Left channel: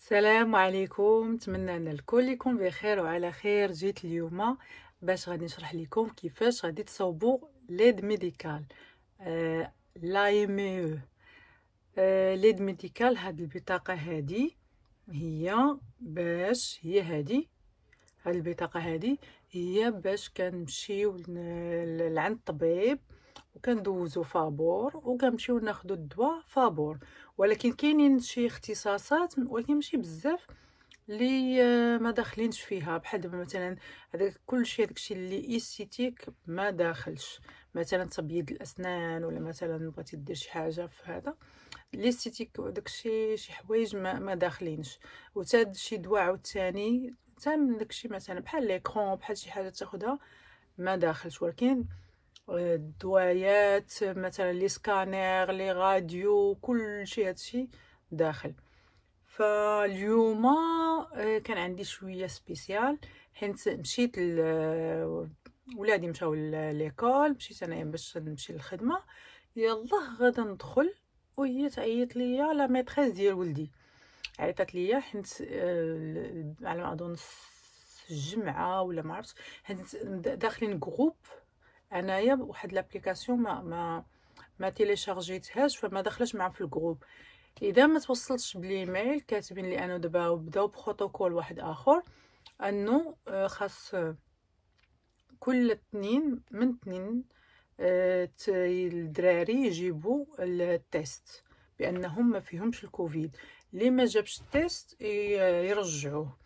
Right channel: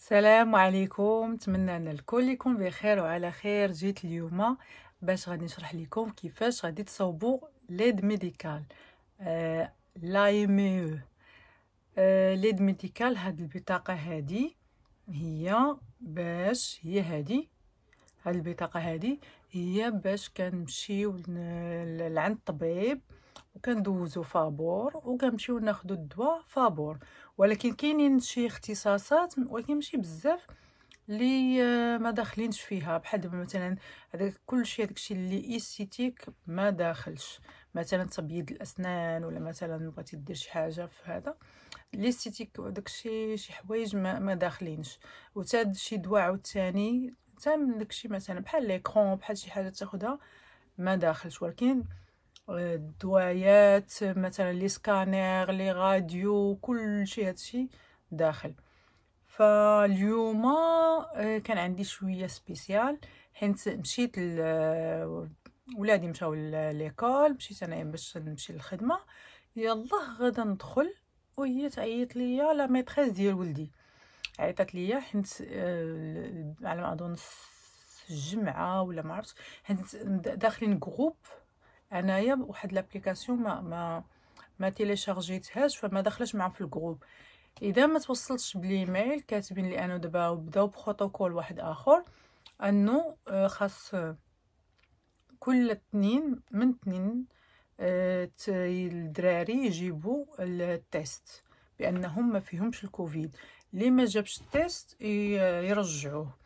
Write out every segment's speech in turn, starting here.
السلام عليكم، نتمنى ان الكل يكون بخير وعلى خير. جيت اليوم باش غادي نشرح لكم كيفاش غادي تصوبوا ليد ميديكال لا ام او. ليد ميديكال، هاد البطاقه هادي هي هادي. هاد البطاقه هادي هي باش كنمشيو لعند الطبيب وكندوزو فابور وكنمشيو ناخدو الدواء فابور. ولكن كاينين شي اختصاصات ولكن ماشي بزاف اللي ما داخلينش فيها، بحال دابا مثلا هذاك كلشي داكشي اللي ايستيتيك ما داخلش، مثلا تبييض الاسنان ولا مثلا بغيتي دير شي حاجه في هذا الاستيتيك، داكشي شي حوايج ما داخلينش. وتا شي دواء عاوتاني حتى من داكشي مثلا بحال ليكرون بحال شي حاجه تاخدها ما داخلش. ولكن الدوايات مثلا لي سكانير لي راديو كلشي هادشي داخل. فاليوم كان عندي شويه سبيسيال، حيت مشيت ولادي مشاو ليكول، مشيت انايا باش نمشي للخدمه. يلاه غادا ندخل وهي تعيط ليا لا ميتريس ديال ولدي، عيطت ليا حيت على ما اظن الجمعه ولا ما عرفتش، حيت داخلين جروب انايا واحد لابليكاسيون ما تيليشارجيتهاش فما دخلش معاهم في الجروب. اذا ما توصلتش بالايميل كاتبين لي انه دابا بداو بروتوكول واحد اخر انه خاص كل اثنين من اثنين الدراري يجيبوا التيست بانهم ما فيهمش الكوفيد. اللي ما جابش التيست يرجعوه.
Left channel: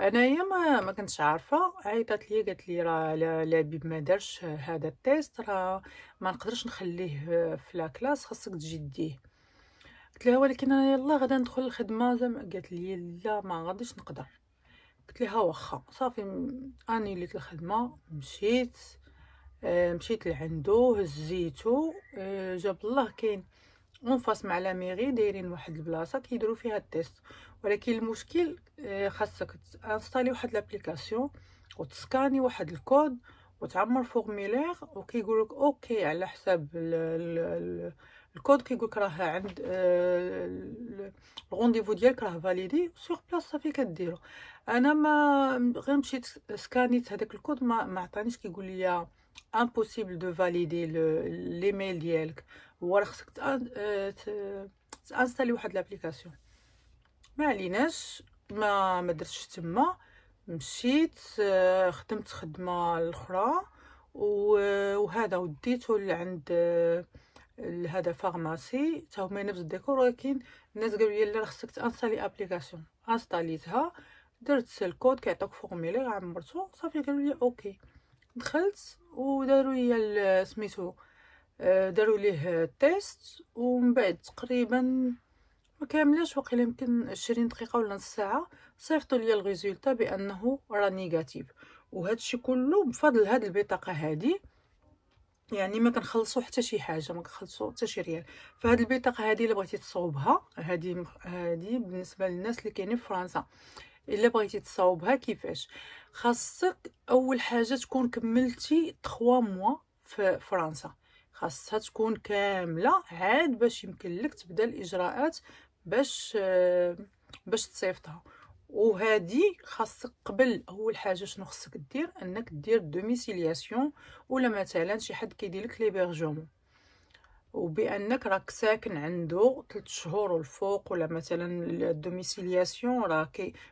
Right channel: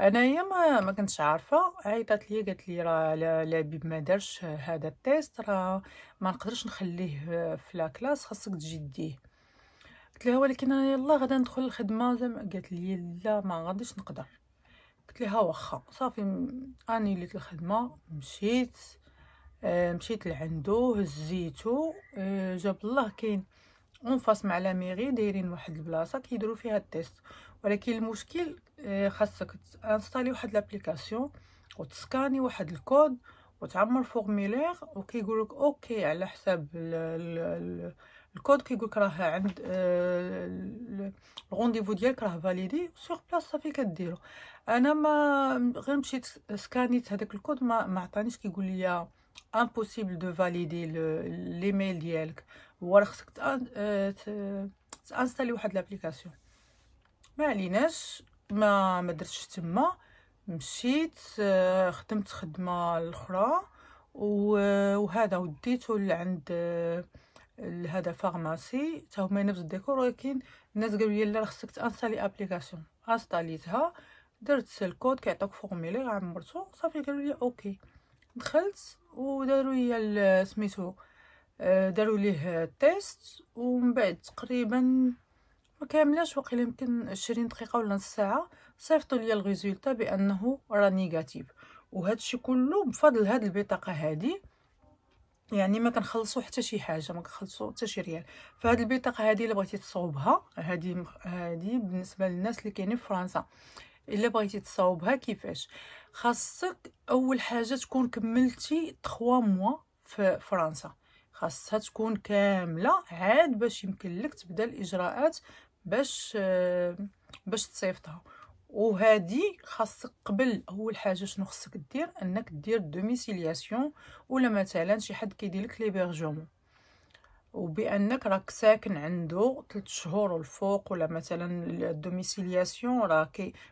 انايا ما كنتش عارفه، عيطت لي قالت لي راه لبيب ما دارش هذا التيست، راه ما نقدرش نخليه في لا كلاس، خاصك تجي ديه. قلت لها ولكن انا يلا غدا ندخل الخدمه زعما. قالت لي لا ما غاديش نقدر. قلت لها واخا صافي. اني ليت الخدمه مشيت لعندو هزيتو. جاب الله كاين اون فاس مع لا ميري دايرين واحد البلاصه كيديروا فيها التيست. ولكن المشكل خاصك تانستالي واحد لابليكاسيون وتسكاني واحد الكود وتعمر فورميلير وكيقولك اوكي على حساب الكود، كيقولك راه عند الغونديفو ديالك راه فاليدي سور بلاص صافي كديرو. انا ما غير مشيت سكانيت هذاك الكود ما عطانيش، كيقول لي امبوسيبل دو فاليدي ليميل ديالك، هو راه خصك تانستالي واحد لابليكاسيون. ما عليناش، ما درتش تما. مشيت خدمت خدمه الاخرى وهذا وديته لعند هذا فارماسي تا هما نفس الديكور، ولكن الناس قالوا لي لا خصك تانستالي ابليكاسيون. انستاليتها، درت الكود كيعطيك فورميلير عمرته صافي. قالوا لي اوكي. دخلت وداروا لي سميتو داروا ليه تيست، ومن بعد تقريبا ما كاملاش واقيلا يمكن 20 دقيقه ولا نص ساعه صيفطوا لي الريزولتا بانه راه نيجاتيف. وهذا الشيء كله بفضل هذه البطاقه هذه، يعني ما كنخلصوا حتى شي حاجه، ما كنخلصوا حتى شي ريال. فهاد البطاقه هذه الا بغيتي تصوبها، هذه بالنسبه للناس اللي كاينين في فرنسا، الا بغيتي تصاوبها كيفاش؟ خاصك اول حاجه تكون كملتي 3 موا في فرنسا، خاصها تكون كامله عاد باش يمكن لك تبدا الاجراءات باش تصيفطها. وهذه خاصك قبل اول حاجه شنو خاصك دير، انك دير دوميسيلياسيون ولا مثلا شي حد كيدير لك ليبرجومون، وبانك راك ساكن عنده 3 شهور والفوق. ولا مثلا الدوميسيلياسيون راه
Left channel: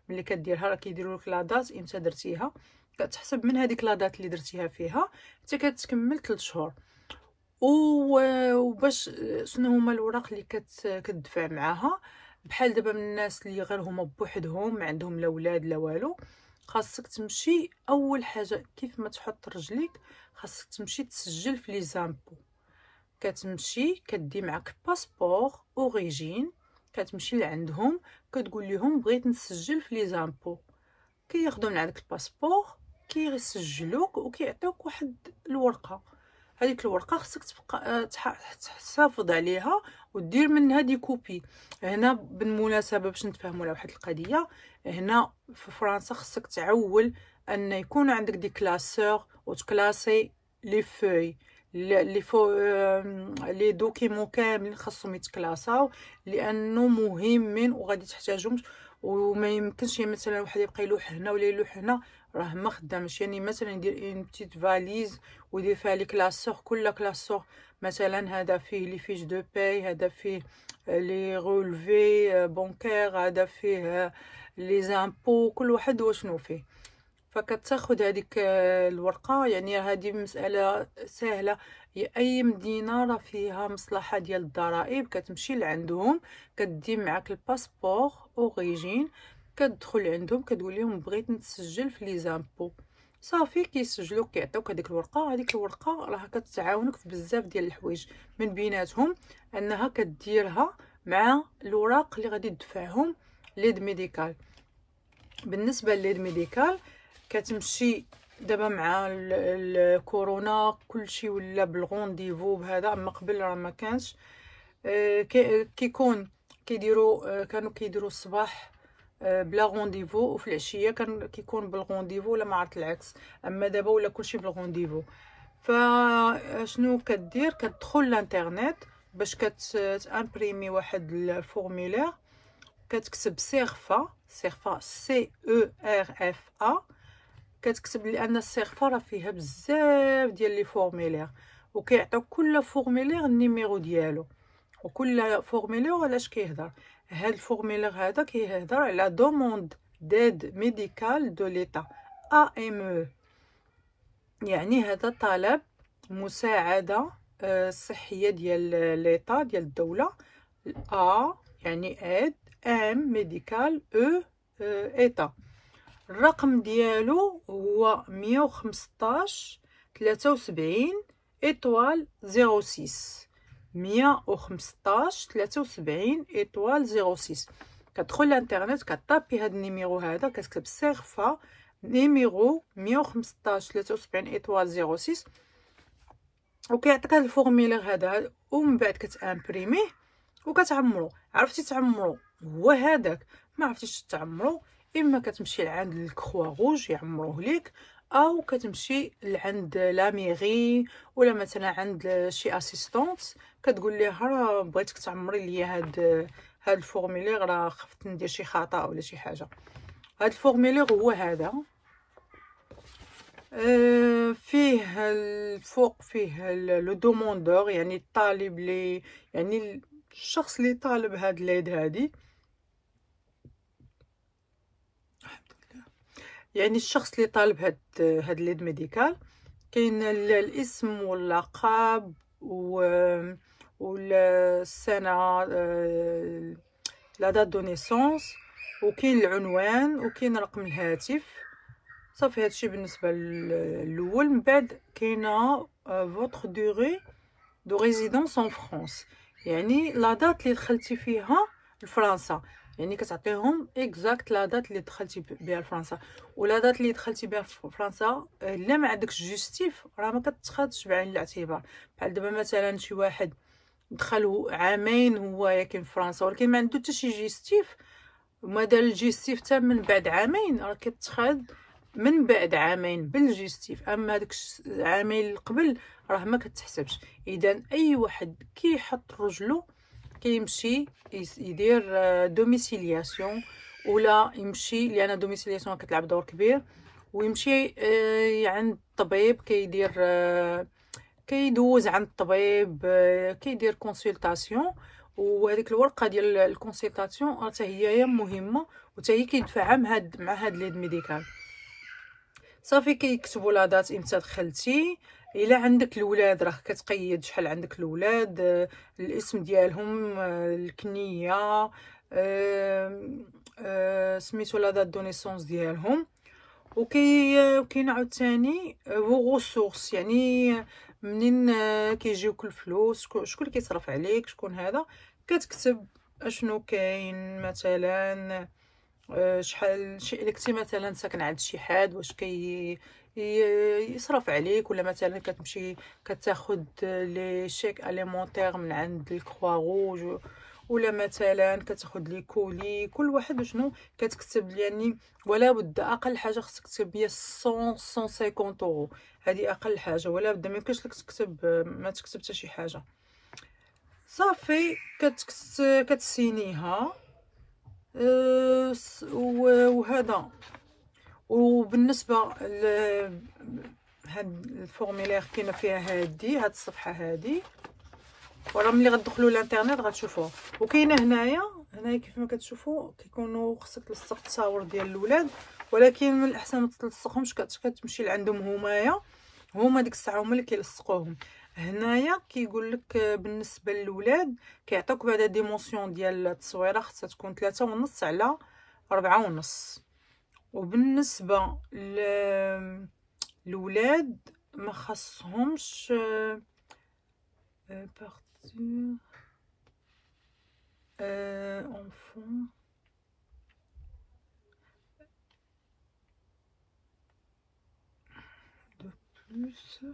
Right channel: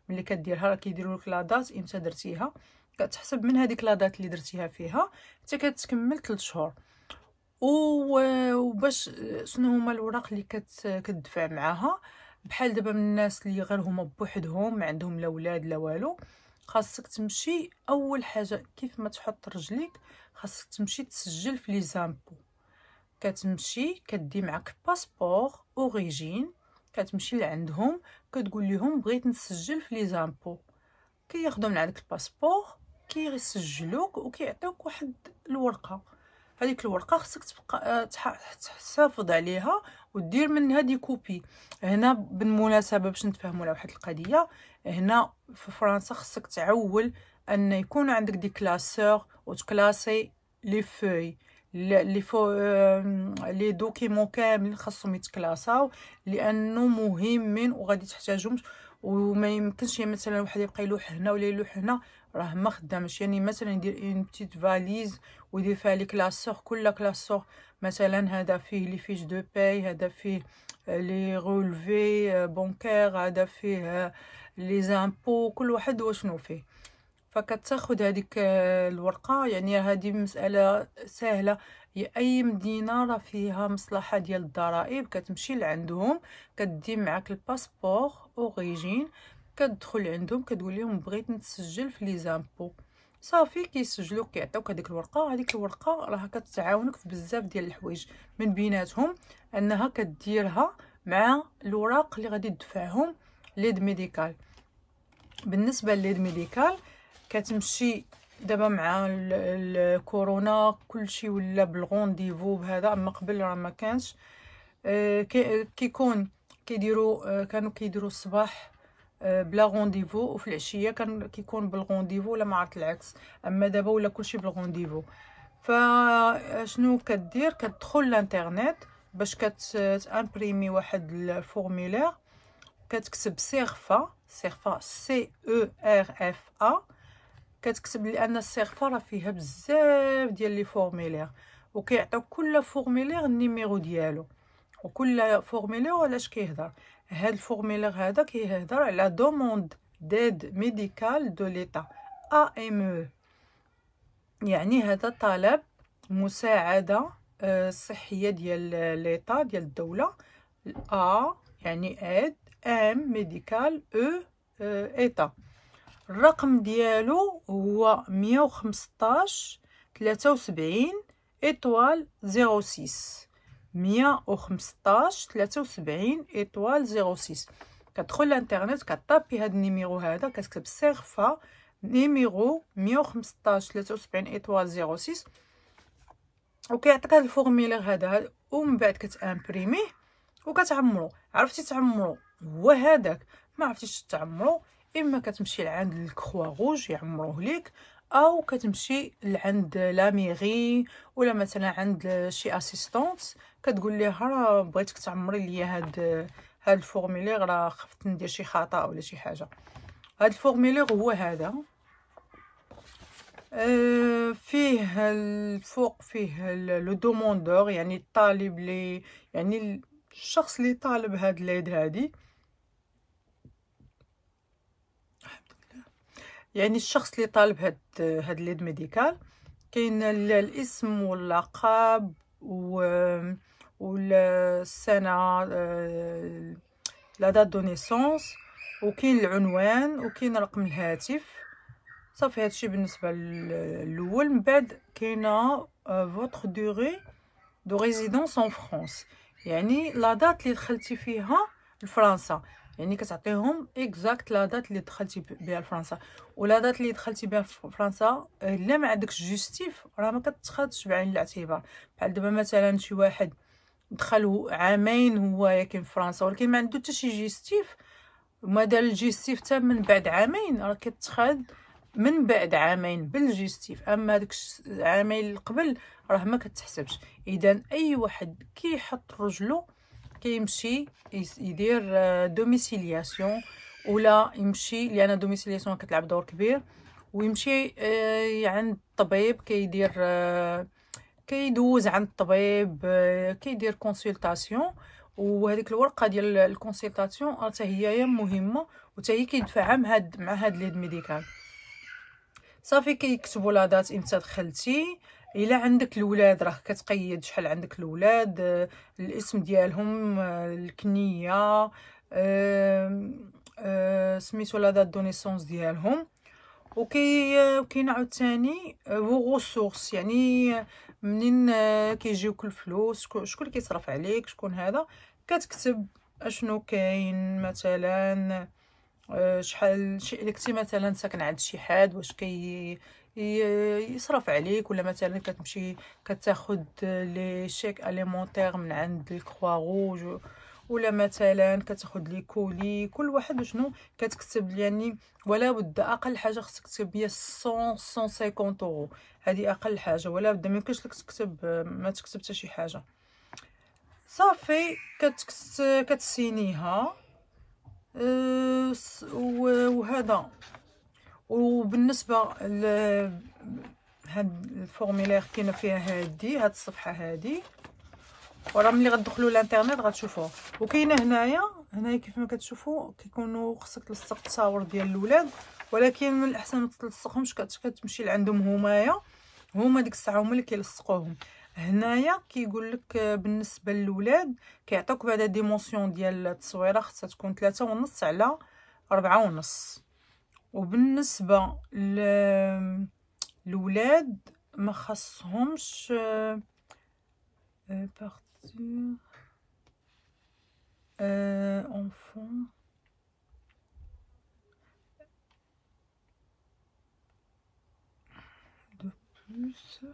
ملي كديرها راه كيديروا لك لا دات امتى درتيها، كتحسب من هذيك لا دات اللي درتيها فيها حتى كتكمل 3 شهور. وباش شنو هما الوراق اللي كتدفع معاها، بحال دابا من الناس اللي غير هما بوحدهم ما عندهم لا ولاد لا والو، خاصك تمشي اول حاجه كيف ما تحط رجليك خاصك تمشي تسجل في لي زامبو. كتمشي كدي معاك باسبور اوريجين، كتمشي لعندهم كتقول لهم بغيت نسجل في لي زامبو، كياخذوا من عندك الباسبور كيسجلوك وكيعطيوك واحد الورقه. هذيك الورقه خصك تبقى تحافظ عليها ودير منها دي كوبي. هنا بالمناسبه باش نتفاهموا على واحد القضيه، هنا في فرنسا خصك تعول ان يكون عندك دي كلاسور وتكلاسي لي فوي لي دوكيمون كاملين خاصهم يتكلاساو لانه مهمين وغادي تحتاجهم. وما يمكنش مثلا واحد يبقى يلوح هنا ولا يلوح هنا، راه ما خدامش. يعني مثلا يدير اون بتيت فاليز ويدير فيها لي كلاسور، كل كلاسور مثلا هذا فيه لي فيش دو باي، هذا فيه لي رولفي بونكير، هذا فيه لي زامبو، كل واحد وشنو فيه. فكتاخد هذيك الورقه. يعني هذه مساله سهله، هي اي مدينه راه فيها مصلحه ديال الضرائب، كتمشي لعندهم كدي معاك الباسبور اوريجين، كتدخل عندهم كتقول لهم بغيت نتسجل في لي زامبو، صافي كيسجلوك كيعطيوك هذيك الورقه. هذيك الورقه راه كتعاونك في بزاف ديال الحوايج، من بيناتهم انها كديرها مع الوراق اللي غادي تدفعهم ليد ميديكال. بالنسبه لليد ميديكال كتمشي دابا مع الكورونا كلشي ولا بالغونديفو بهذا، اما قبل راه ما كانش. كيكون كيديروا كانوا كيديروا الصباح بلا غونديفو، وفي العشيه كان كيكون بالغونديفو، ولا ما عرفت العكس. اما دابا ولا كلشي بالغونديفو. فشنو كدير؟ كتدخل للانترنت باش كتامبريمي واحد الفورمولير، كتكتب سيرفا سي او ار اف ا، كتكتب لان السيرفا راه فيها بزاف ديال لي فورمولير، وكيعطيو كل فورمولير النيميرو ديالو، وكل فورمولير علاش كيهضر. هاد الفورمولير هذا كيهضر على دوموند ديد ميديكال دو ليتا ام، يعني هذا طلب مساعده صحيه ديال ليتا ديال الدوله. ا يعني اد، ام ميديكال، او ايتا. الرقم ديالو هو 115 73 ايطوال 06 115 73 ايطوال 06. كتدخل للانترنت كطابي هاد النيميرو هذا، كتكتب سيرفا نيميرو 115 73 ايطوال 06، وكيعطيك هاد الفورمولير هذا، ومن بعد كتامبريميه وكتعمرو. عرفتي تعمرو هو هذاك، ما عرفتيش تعمرو، اما كتمشي لعند الكخوا روج يعمروه ليك، او كتمشي لعند لا ميري ولا مثلا عند شي اسيستونت كتقول ليها راه بغيتك تعمري لي هاد الفورمولير، راه خفت ندير شي خطا ولا شي حاجه. هاد الفورمولير هو هذا، فيه الفوق فيه لو دوموندور، يعني الطالب لي، يعني الشخص اللي طالب هاد ليد هادي، يعني الشخص اللي طالب هاد ليد ميديكال. كاين الاسم واللقب والسنه، لا دات دو نيسونس، وكاين العنوان، وكاين رقم الهاتف. صافي هادشي بالنسبه الاول. من بعد كاينه فوتر دوغي دو ريزيدونس ان فرانس، يعني لا دات اللي دخلتي فيها لفرنسا، يعني كتعطيهم اكزاكت لا دات اللي دخلتي بها لفرنسا. ولا دات اللي دخلتي بها فرنسا الا ما عندكش جوستيف راه ما كتاخذش بعين الاعتبار. بحال دابا مثلا شي واحد دخل عامين هو ياكن في فرنسا ولكن ما عنده حتى شي جوستيف، وما دار الجوستيف حتى من بعد عامين، راه كتاخذ من بعد عامين بالجوستيف. اما هذاك عامين قبل راه ما كتحسبش. اذا اي واحد كيحط رجلو كيمشي يدير دوميسيلياسيون، ولا يمشي، لان دوميسيلياسيون كتلعب دور كبير، ويمشي عند الطبيب كيدير كيدوز عند الطبيب، كيدير كونسلطاسيون. وهذيك الورقه ديال الكونسلطاسيون حتى هي مهمه، وحتى هي كيدفعها مع هاد ليد ميديكال. صافي كيكتبوا لا دات امتى دخلتي. الا عندك الولاد راه كتقيد شحال عندك الولاد، الاسم ديالهم، الكنيه، سميتو لا دات دو نيسونس ديالهم. وكاين عاوتاني فو غوسورس، يعني منين كيجيوك الفلوس، شكون اللي كيصرف عليك، شكون هذا. كتكتب اشنو كاين، مثلا شحال الا كنتي مثلا ساكن عند شي حد واش يصرف عليك، ولا مثلا كتمشي كتاخد لي شيك اليمونتير من عند الكخوا روج، ولا مثلا كتاخد لي كولي، كل واحد شنو كتكتب. يعني ولا بد اقل حاجه خصك تكتب هي 150 اورو، هذه اقل حاجه، ولا بد ما يمكنش لك تكتب ما تكتب حتى شي حاجه. صافي كتسينيها، وهذا. وبالنسبه هاد الفورميلير كاينه فيها هاد الصفحه هادي، وراه ملي غتدخلوا للانترنت غتشوفوه. وكاينه هنايا كيف ما كتشوفوا كيكونوا خصك تلصق التصاور ديال الاولاد، ولكن من الاحسن ما تلصقهمش، كتمشي لعندهم هما ديك الساعه هما اللي كيلصقوهم. هنايا كيقول لك بالنسبه للولاد كيعطيوك بعدا ديمونسيون ديال التصويره خصها تكون 3.5 على 4.5. وبالنسبه للولاد ما خاصهمش partir enfant de plus.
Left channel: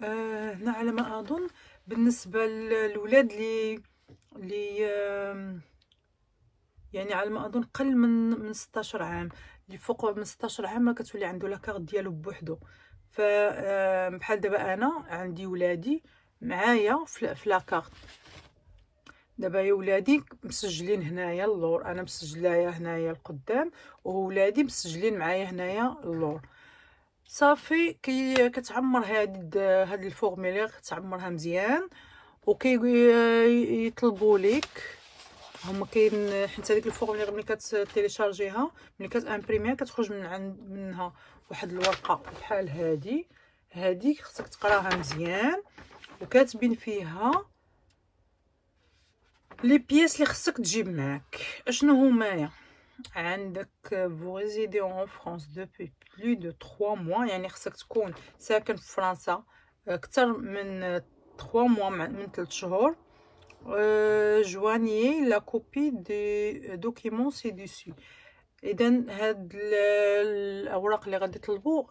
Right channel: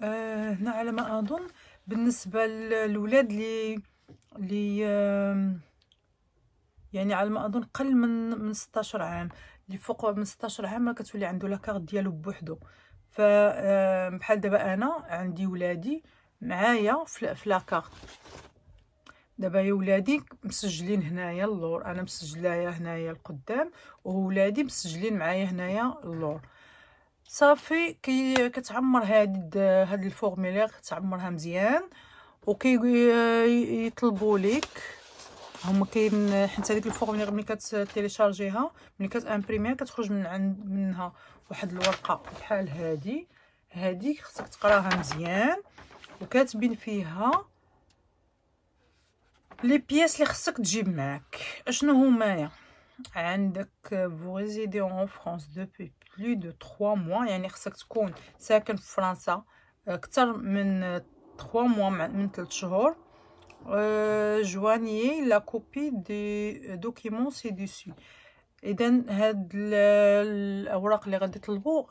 هنا على ما اظن بالنسبه للولاد اللي يعني على ما اظن قل من 16 عام، اللي فوق من 16 عام ما كتولي عنده لاكارت ديالو بوحدو. ف بحال دابا انا عندي ولادي معايا في لاكارت، دابا يا ولادي مسجلين هنايا اللور، انا مسجلايا هنايا القدام، وولادي مسجلين معايا هنايا اللور. صافي كتعمر هاد الفورميلير، كتعمرها مزيان، يطلبوا لك هما كاين حيت هذيك الفورميلير ملي كتيليشارجيها ملي كتامبريميها كتخرج منها واحد الورقه بحال هادي خصك تقراها مزيان، وكاتبين فيها لي بياس اللي خصك تجيب معاك. اشنو هما؟ عندك vous résidez en France depuis plus de 3 mois، يعني خصك تكون ساكن في فرنسا اكثر من 3 mois، من 3 شهور. joignez la copie des documents ci-dessus. اذا هاد الاوراق اللي غادي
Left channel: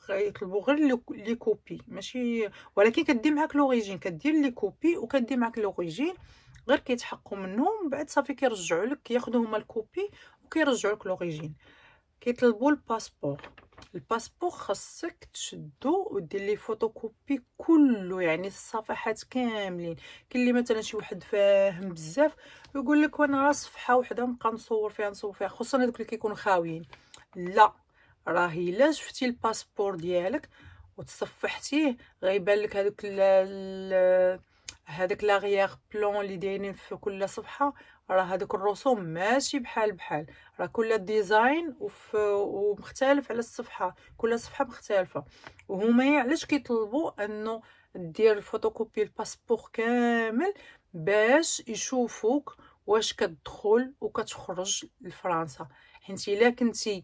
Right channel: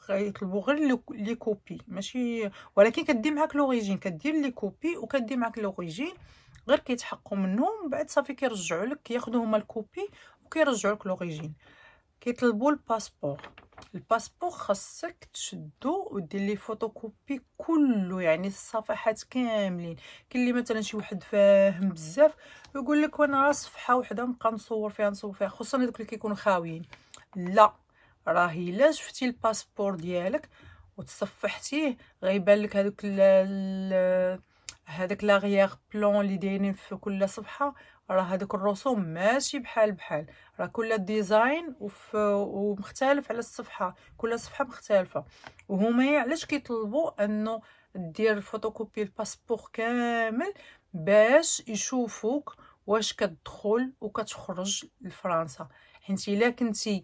يطلبوا غير لي كوبي، ماشي ولكن كدي معاك لوريجين، كدير لي كوبي وكدي معاك لوريجين، غير كيتحققوا منهم بعد صافي كيرجعوا لك، كياخذوا هما الكوبي وكيرجعوا لك لوريجين. كيطلبوا الباسبور خاصك تشدو ودير ليه فوتوكوبي كله، يعني الصفحات كاملين. كاين اللي مثلا شي واحد فاهم بزاف يقول لك وانا راه صفحه وحده نبقى نصور فيها، خصوصا هذوك اللي كيكونوا خاويين. لا، راهي الا شفتي الباسبور ديالك وتصفحتيه غيبان لك هذاك لاغيير بلون اللي دايرين في كل صفحه، راه هذوك الرسوم ماشي بحال راه كل ديزاين ومختلف على الصفحه، كل صفحه مختلفه. وهما علاش كيطلبوا انه دير فوتوكوبي الباسبور كامل باش يشوفوك واش كتدخل وكتخرج لفرنسا. حيت الا كنتي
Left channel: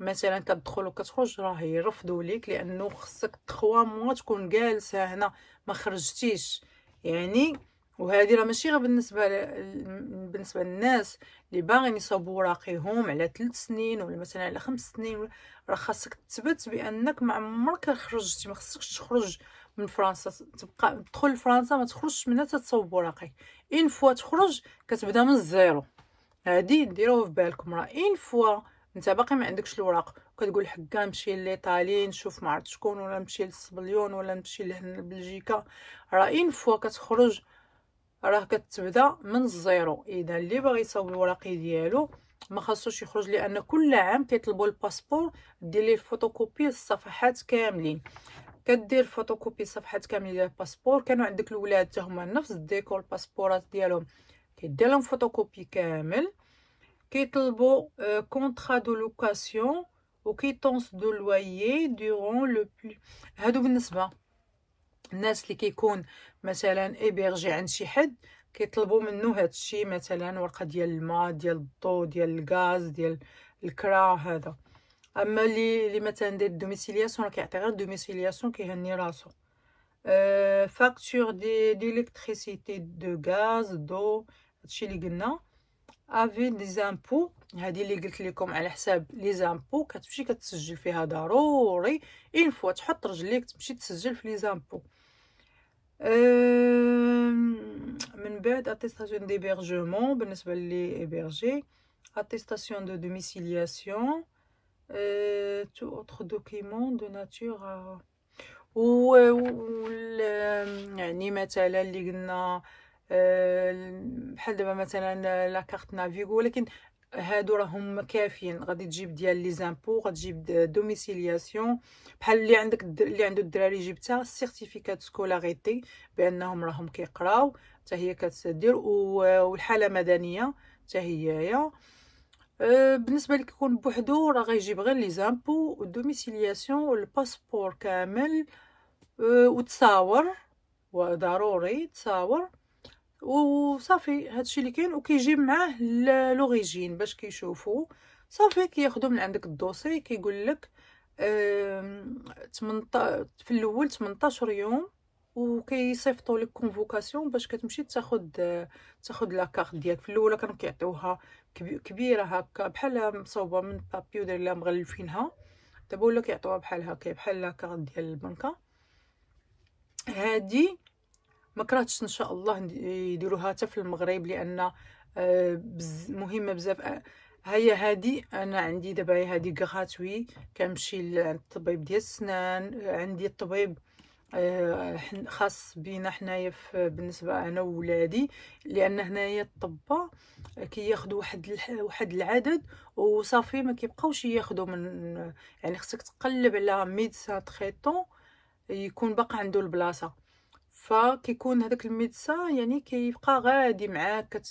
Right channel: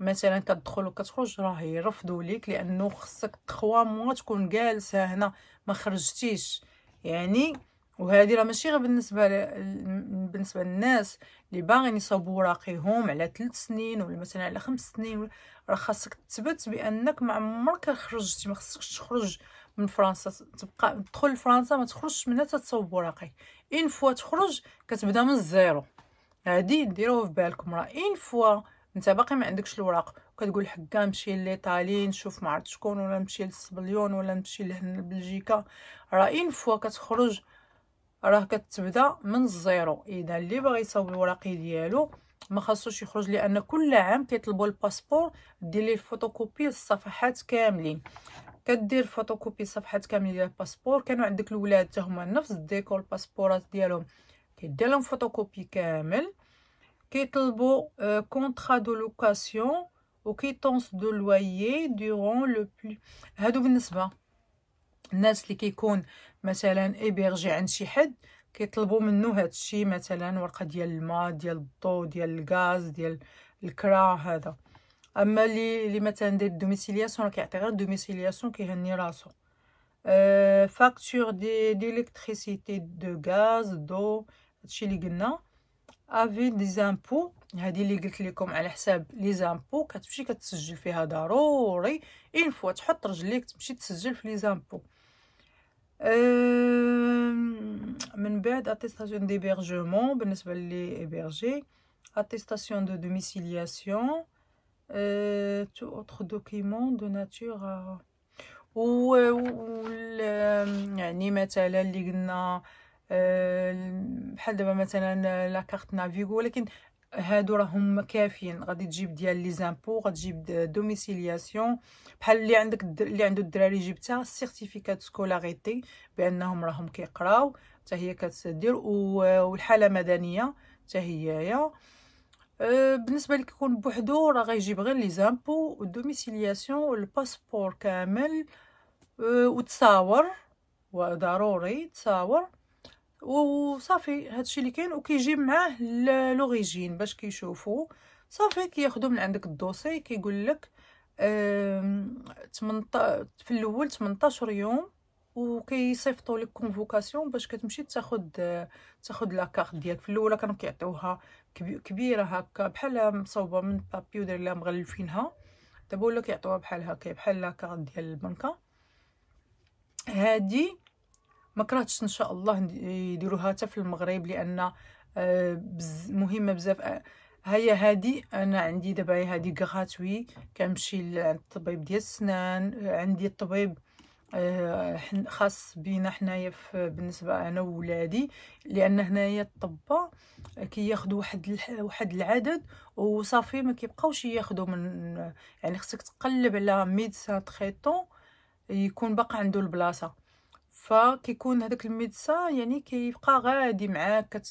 مثلا كتدخل وكتخرج راه يرفضوا ليك، لانه خصك 3 موا تكون جالسه هنا ما خرجتيش يعني. وهذه راه ماشي غير بالنسبه للناس اللي باغيين يصاوبوا وراقيهم على 3 سنين ولا مثلا على 5 سنين، راه خاصك تثبت بانك ما عمرك خرجتي، ما خصكش تخرج من فرنسا، تبقى تدخل لفرنسا ما تخرجش منها تصاوب وراقي. اين فوا تخرج كتبدا من الزيرو، هادي ديروه في بالكم. راه اين فوا انت باقي ما عندكش الوراق وكتقول حكا نمشي لإيطالي نشوف ما عرفت شكون، ولا نمشي للسبليون، ولا نمشي لهنا لبلجيكا، راه اين فوا كتخرج راه كتبدا من الزيرو. اذا اللي باغي يصاوب الوراقي ديالو ما خاصوش يخرج، لان كل عام كيطلبوا الباسبور دير ليه فوتوكوبي الصفحات كاملين. كدير فوتوكوبي صفحات كاملين ديال الباسبور. كانوا عندك الولاد حتى هما نفس الديكور الباسبورات ديالهم كيدير لهم فوتوكوبي كامل. كيطلبوا كونطرا دو لوكاسيون وكيتونس دو لويي دورون لو بلو. هادو بالنسبه الناس اللي كيكون مثلا ايبيرجي عند شي حد كيطلبوا منه هادشي، مثلا ورقه ديال الماء، ديال الضوء، ديال الغاز، ديال الكرا هذا. اما اللي مثلا دير دوميسيلياسيون راه كيعطي غير دوميسيلياسيون كيهني راسو. فاكتور دي الكتريسيتي دو غاز دو، هادشي اللي قلنا. افي دي زامبو، هذه اللي قلت لكم على حساب لي زامبو، كتمشي كتسجل فيها ضروري اين فوا تحط رجليك تمشي تسجل في لي زامبو. من بعد اتيستاسيون ديبيرجمون بالنسبه لي ايبرجي، اتيستاسيون دو دوميسيلياسيون، تو اوتر دوكيمون دو ناتور. يعني مثلا اللي قلنا بحال دابا مثلا لا كارت نافيغو، ولكن هادو راهم كافيين. غادي تجيب ديال لي زامبو، غتجيب دوميسيلياسيون، بحال اللي عندك اللي عنده الدراري جبتها سيرتيفيكات سكولاريتي بانهم راهم كيقراو، حتى هي كتدير، والحاله مدنيه حتى هيايا. بالنسبه اللي كيكون بوحدو راه غيجيب غير لي زامبو والدوميسيلياسيون والباسبور كامل، وتصاور، وضروري تصاور وصافي. هادشي اللي كاين، وكيجيب معاه لوريجين باش كيشوفوا. صافي كياخذوا من عندك الدوسي، كيقول لك 18 في الاول 18 يوم، وكيصيفطوا لك كونفوكاسيون باش كتمشي تاخذ لا كارت ديالك. في الاول كانوا كيعطيوها كبيره هكا بحال مصوبه من بابي وداير لها مغلفينها، دابا ولا كيعطيوها بحال هكا بحال لا كارت ديال البنكه. هادي ما كرهتش ان شاء الله يديروها حتى في المغرب، لان مهمه بزاف. هي هادي انا عندي دابا هادي غراتوي، كنمشي لعند الطبيب ديال السنان. عندي الطبيب خاص بينا حنايا بالنسبه انا وولادي، لان هنايا الطباء كياخذوا واحد العدد وصافي، ما كيبقاوش ياخذوا من، يعني خصك تقلب على ميدسان تريتون يكون باقي عنده البلاصه. فكيكون هذاك الميدسان يعني كيبقى غادي معاك،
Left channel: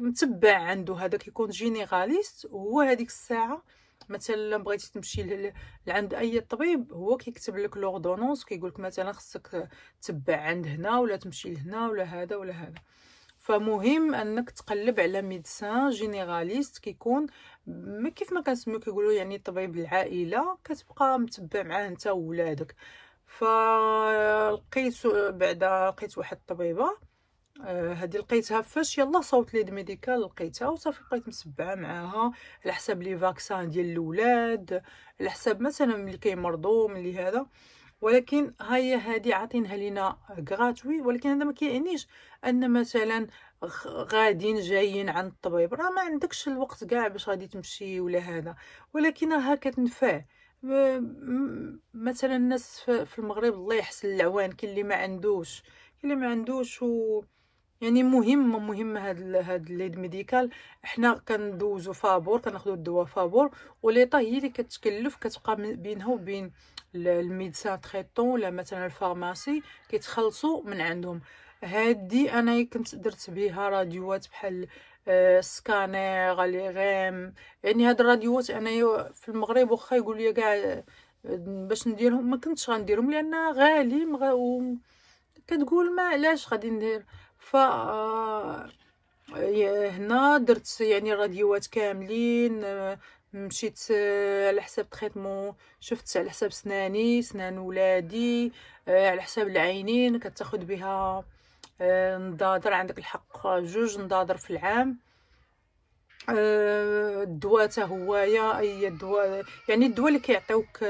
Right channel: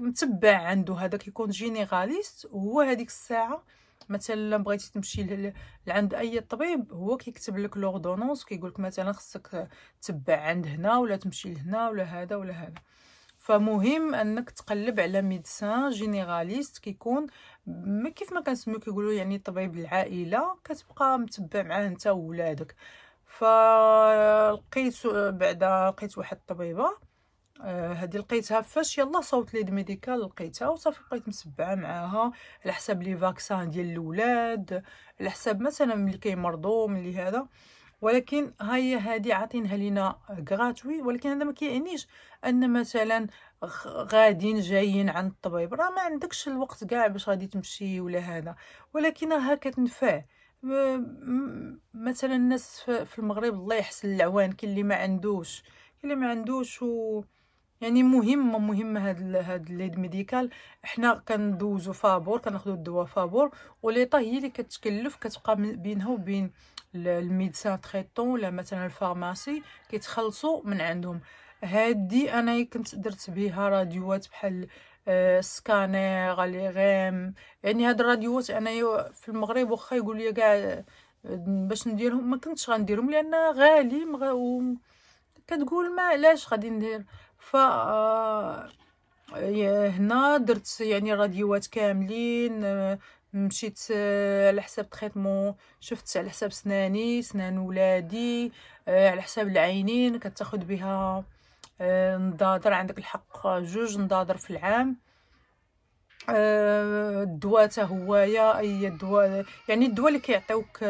متبع عنده. هذا كيكون جينيراليست، وهو هذيك الساعه مثلا بغيتي تمشي لعند اي طبيب، هو كيكتب لك لوردونونس، كيقول لك مثلا خصك تبع عند هنا ولا تمشي لهنا ولا هذا ولا هذا. فمهم انك تقلب على ميدسان جينيراليست، كيكون كيف ما كنسميو كيقولوا يعني طبيب العائله، كتبقى متبع معاه انت وولادك. فلقيت بعدا لقيت واحد الطبيبه، هذه لقيتها فاش يلا صوت ليد ميديكال، لقيتها وصافي بقيت مسبعه معاها على حساب لي فاكسان ديال الاولاد، على حساب مثلا ملي كيمرضوا ملي هذا. ولكن هي هذه عاطينها لينا غراتوي، ولكن هذا ما كيعنيش ان مثلا غاديين جايين عند الطبيب راه ما عندكش الوقت كاع باش غادي تمشي ولا هذا، ولكن راها كتنفع. مثلا الناس في المغرب الله يحسن العوان، كاين اللي ما عندوش، كاين اللي ما عندوش، يعني مهمه هاد ليد ميديكال. حنا كندوزو فابور، كناخذوا الدواء فابور، وليطا هي اللي كتكلف، كتبقى بينها وبين الميدسان تريتون ولا مثلا الفارماسي كيتخلصوا من عندهم. هادي انا كنت درت بها راديوات بحال سكانير لي غيم، يعني هاد الراديوات انا في المغرب واخا يقول لي كاع باش نديرهم ما كنتش غنديرهم لان غالي، كتقول ما علاش غادي ندير. ف هنا درت يعني راديوات كاملين، مشيت على حساب تريتمون، شفت على حساب سنان ولادي، على حساب العينين كتاخد بها نضاضر، عندك الحق 2 نضاضر في العام. الدواء حتى هويا، اي دواء يعني الدواء اللي كيعطيوك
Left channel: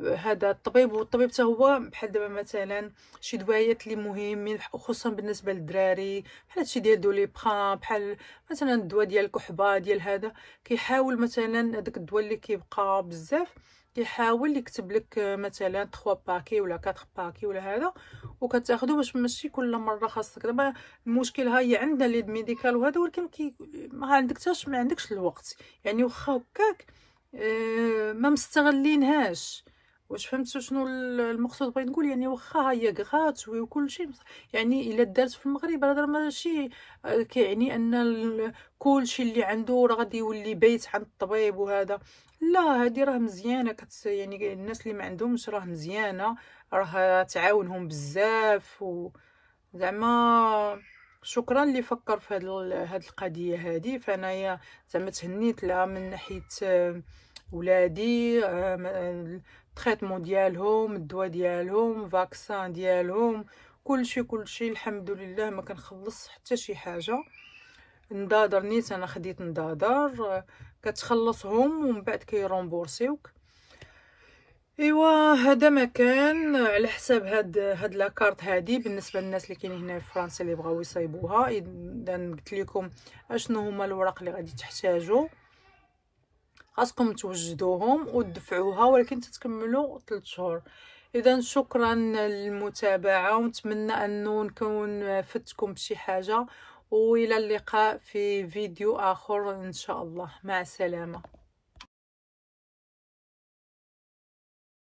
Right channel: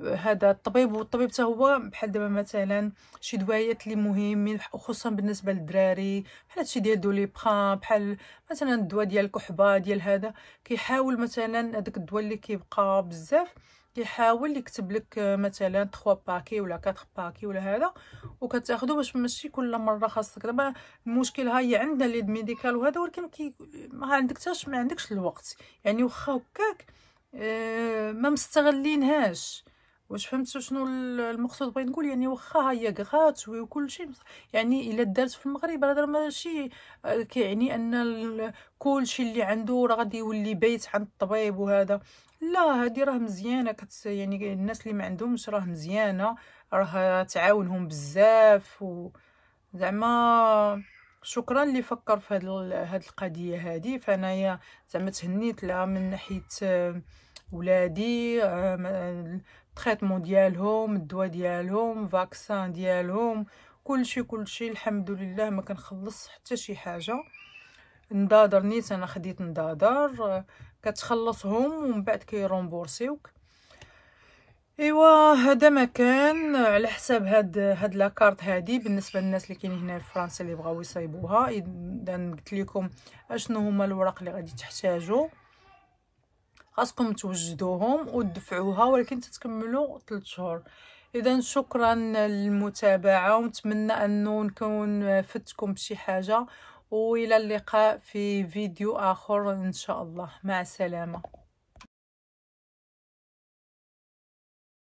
هذا الطبيب، والطبيب حتى هو بحال دابا مثلا شي دوايات اللي مهمين خصوصا بالنسبه للدراري، بحال هادشي ديال دوليبران، بحال مثلا الدواء ديال الكحبه ديال هذا، كيحاول مثلا هذاك الدواء اللي كيبقى بزاف كيحاول يكتب لك مثلا 3 باكي ولا 4 باكي ولا هذا، وكتاخذو باش ماشي كل مره خاصك. دابا المشكل هي عندنا ليد ميديكال وهذا، ولكن ما عندكش الوقت، يعني واخا هكاك ما مستغلينهاش. واش فهمتوا شنو المقصود بغيت نقول؟ يعني واخا هي غراتوي وكل شيء، يعني الا دارت في المغرب هذا ماشي كيعني ان كل شيء اللي عنده راه غادي يولي بيت عند الطبيب وهذا. لا، هذه راه مزيانه، يعني الناس اللي ما عندهمش راه مزيانه، راه تعاونهم بزاف. زعما شكرا اللي فكر في هاد القضيه هذه. فانايا زعما تهنيت لها من ناحيه ولادي، التريتمون ديالهم، الدواء ديالهم، فاكسان ديالهم، كلشي الحمد لله ما كنخلص حتى شي حاجه. نضاضر نيت انا خديت نضاضر، كتخلصهم ومن بعد كيرومبورسيوك. ايوا هذا ما كان على حساب هاد لاكارت هادي بالنسبه للناس اللي كاينين هنا في فرنسا اللي بغاو يصايبوها. اذا قلت لكم اشنو هما الوراق اللي غادي تحتاجوا. خاصكم توجدوهم وتدفعوها، ولكن تتكملوا 3 شهور. اذا شكرا للمتابعه، ونتمنى انه نكون فدتكم بشي حاجه، والى اللقاء في فيديو اخر ان شاء الله. مع السلامه.